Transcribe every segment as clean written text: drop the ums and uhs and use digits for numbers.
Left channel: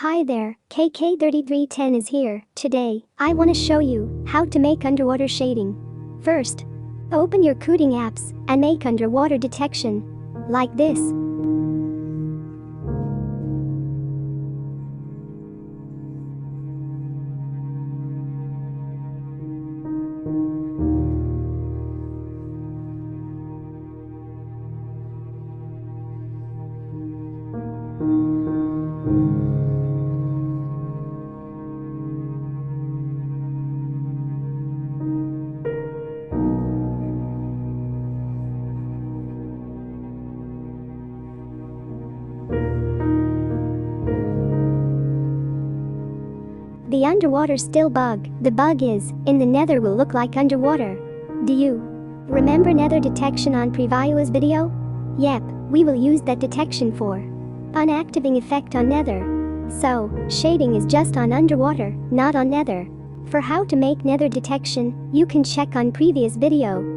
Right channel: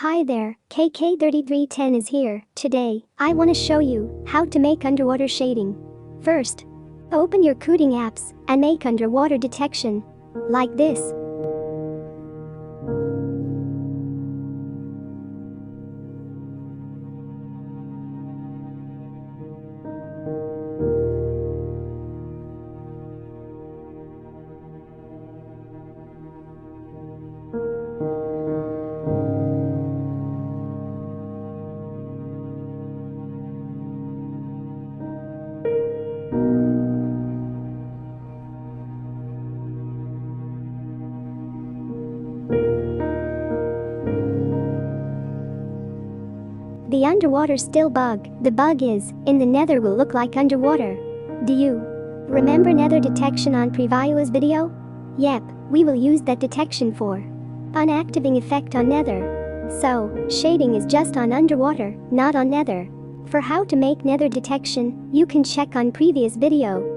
Hi there, KK3310 is here. Today, I want to show you how to make underwater shading. First, open your coding apps and make underwater detection. Like this. The underwater still bug. The bug is, in the nether will look like underwater. Do you remember nether detection on previous video? Yep, we will use that detection for unactivating effect on nether. So, shading is just on underwater, not on nether. For how to make nether detection, you can check on previous video.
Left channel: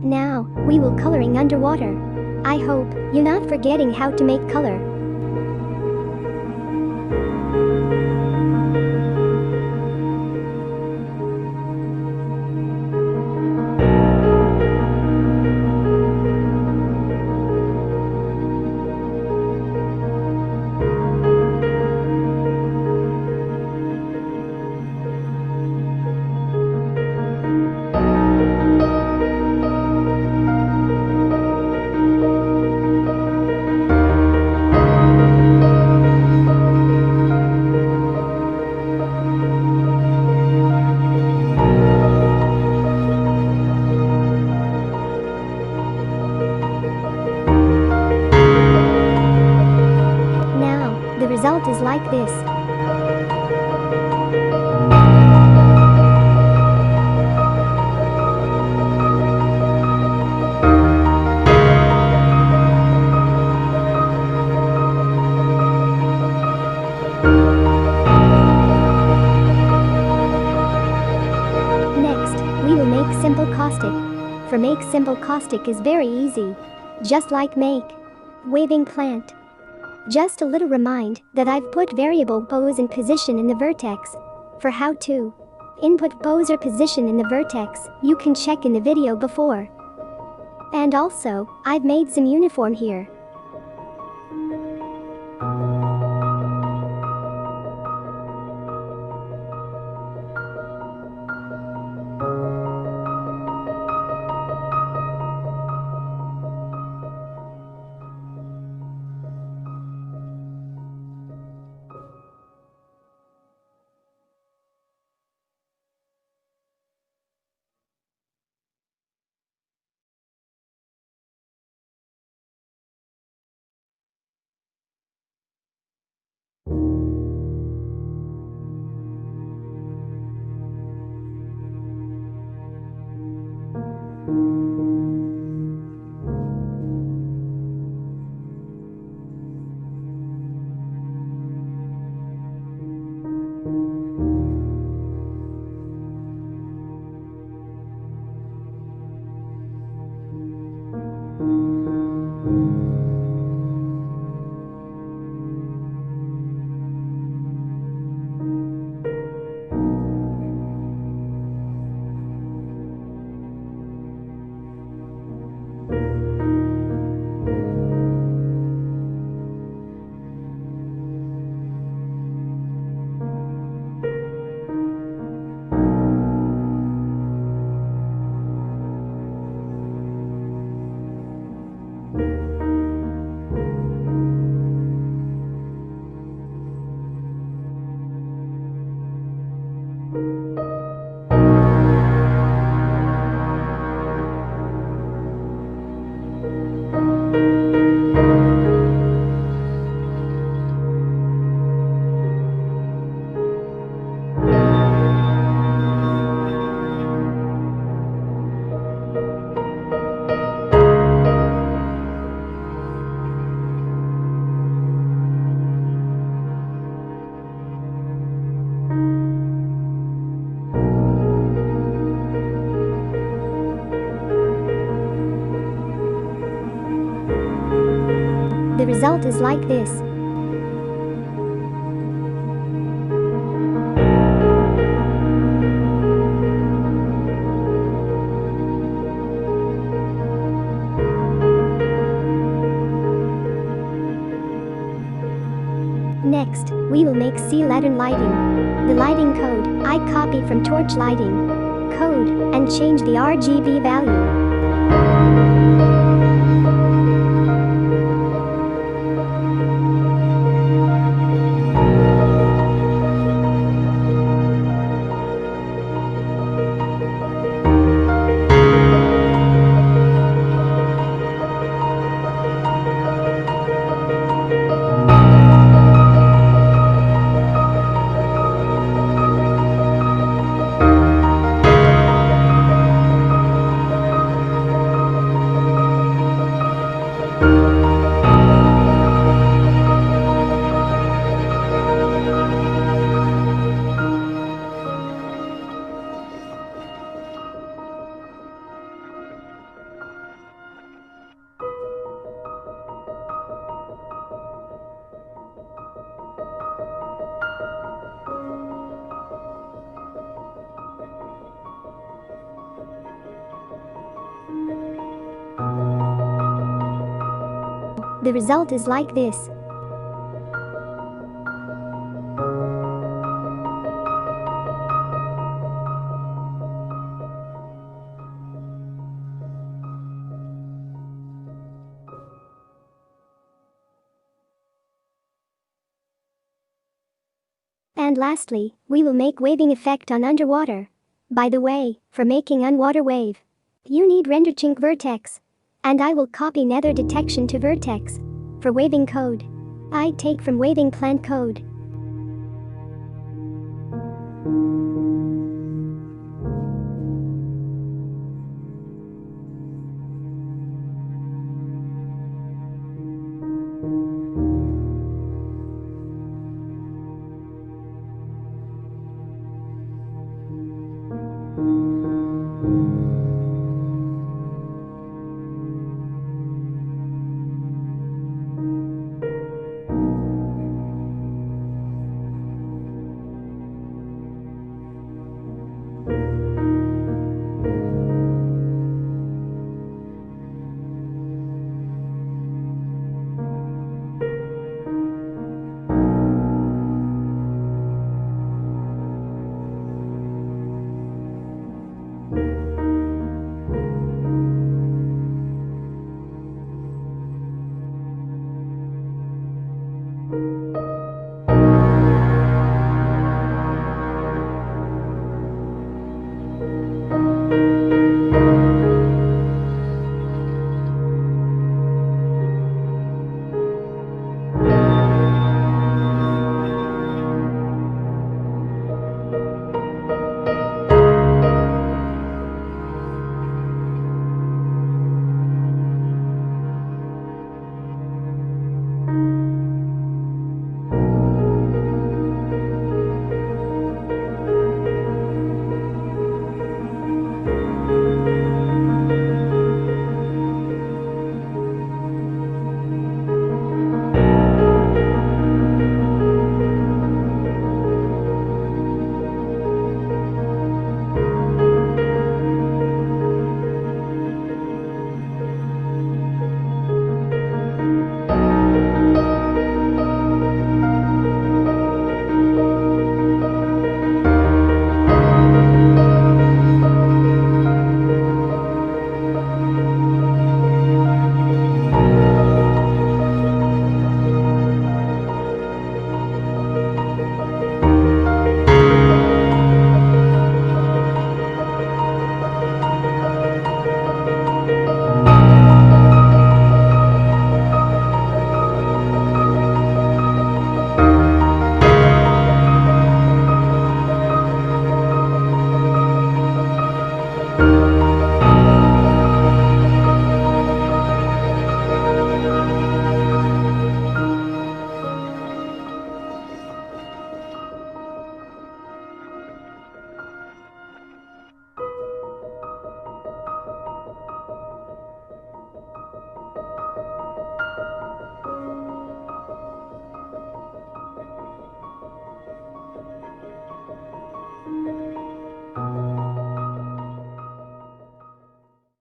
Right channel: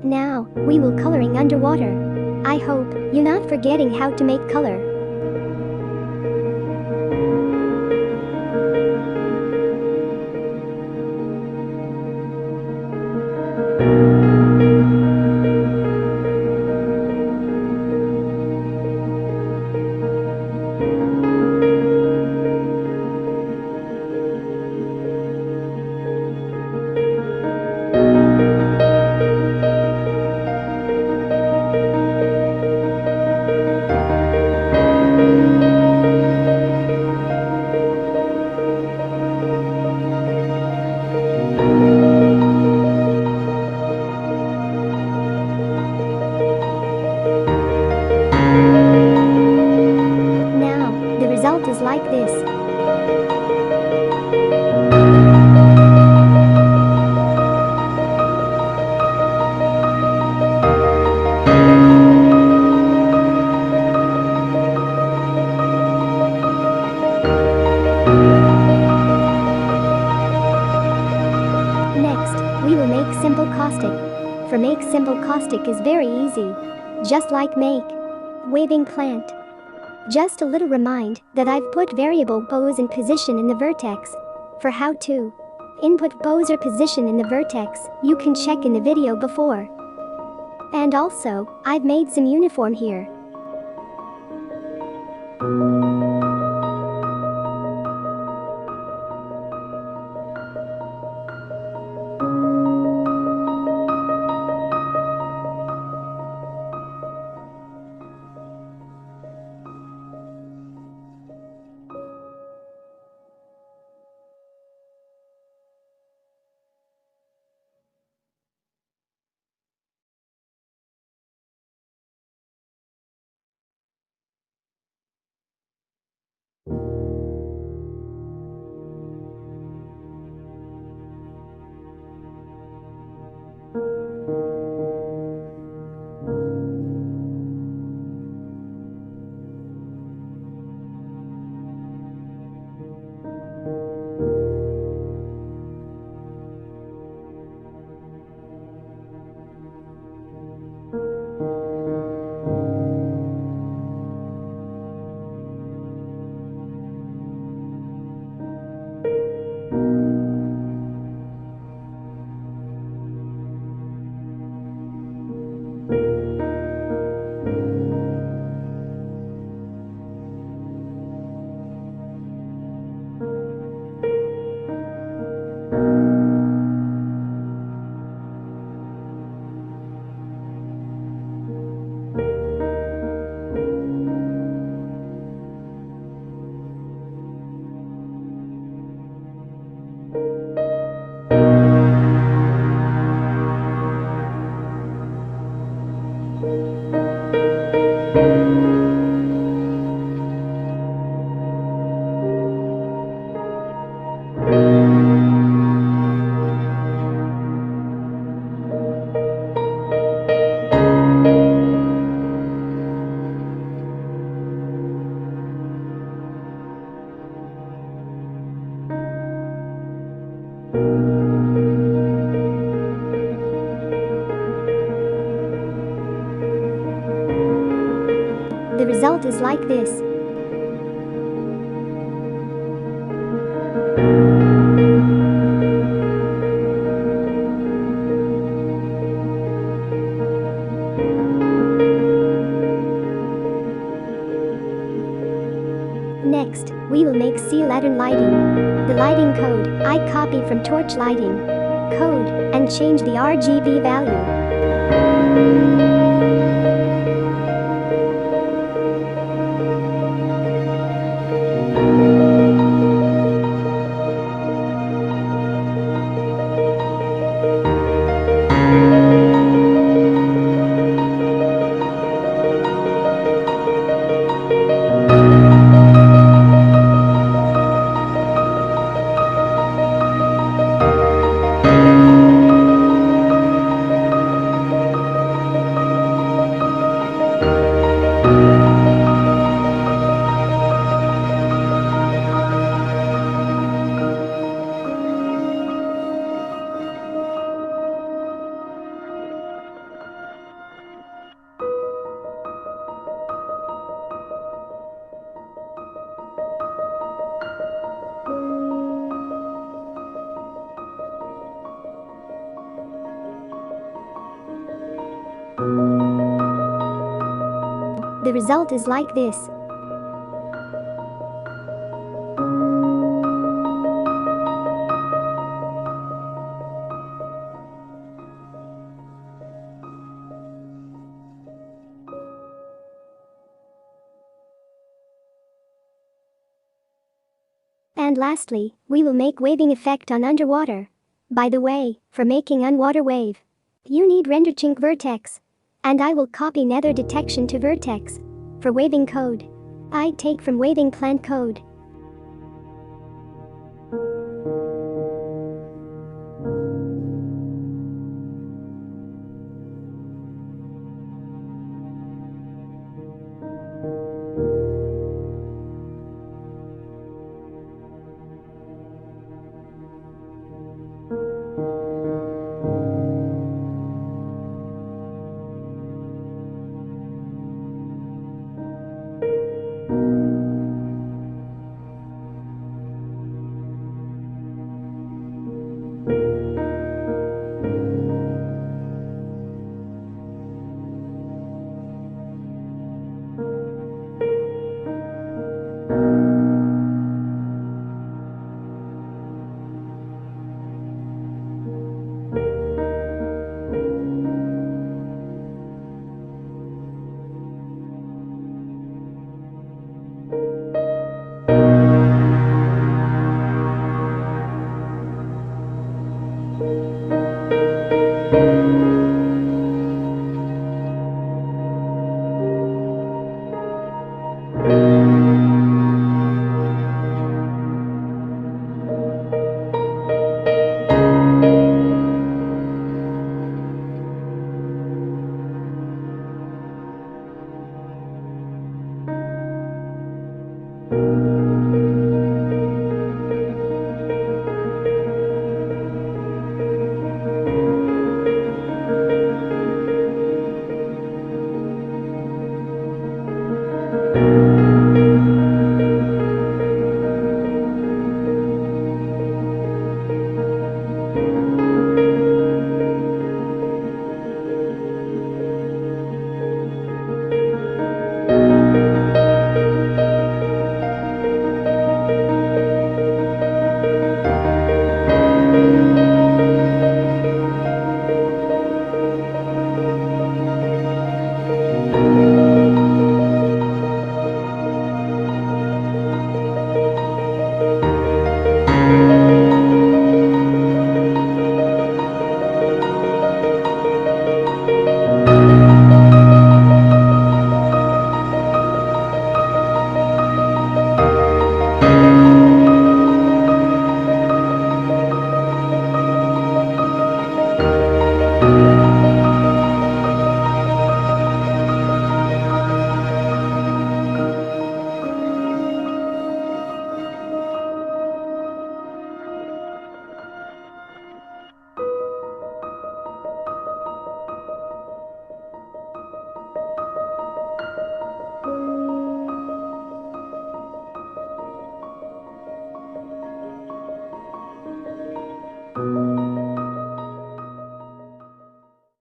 Now, we will coloring underwater. I hope you're not forgetting how to make color. Now, the result is like this. Next, we will make simple caustic. For make simple caustic is very easy. Just like make waving plant. Just a little remind that I've put variable pose and position in the vertex. For how to input pose or position in the vertex, you can check in the video before. And also, I've made some uniform here. The result is like this. Next, we will make latern lighting. The lighting code I copied from torch lighting code and change the RGB value. The result is like this. And lastly, we will make waving effect on underwater. By the way, for making unwater wave, you need render chink vertex. And I will copy nether detection to vertex. For waving code, I take from waving plant code.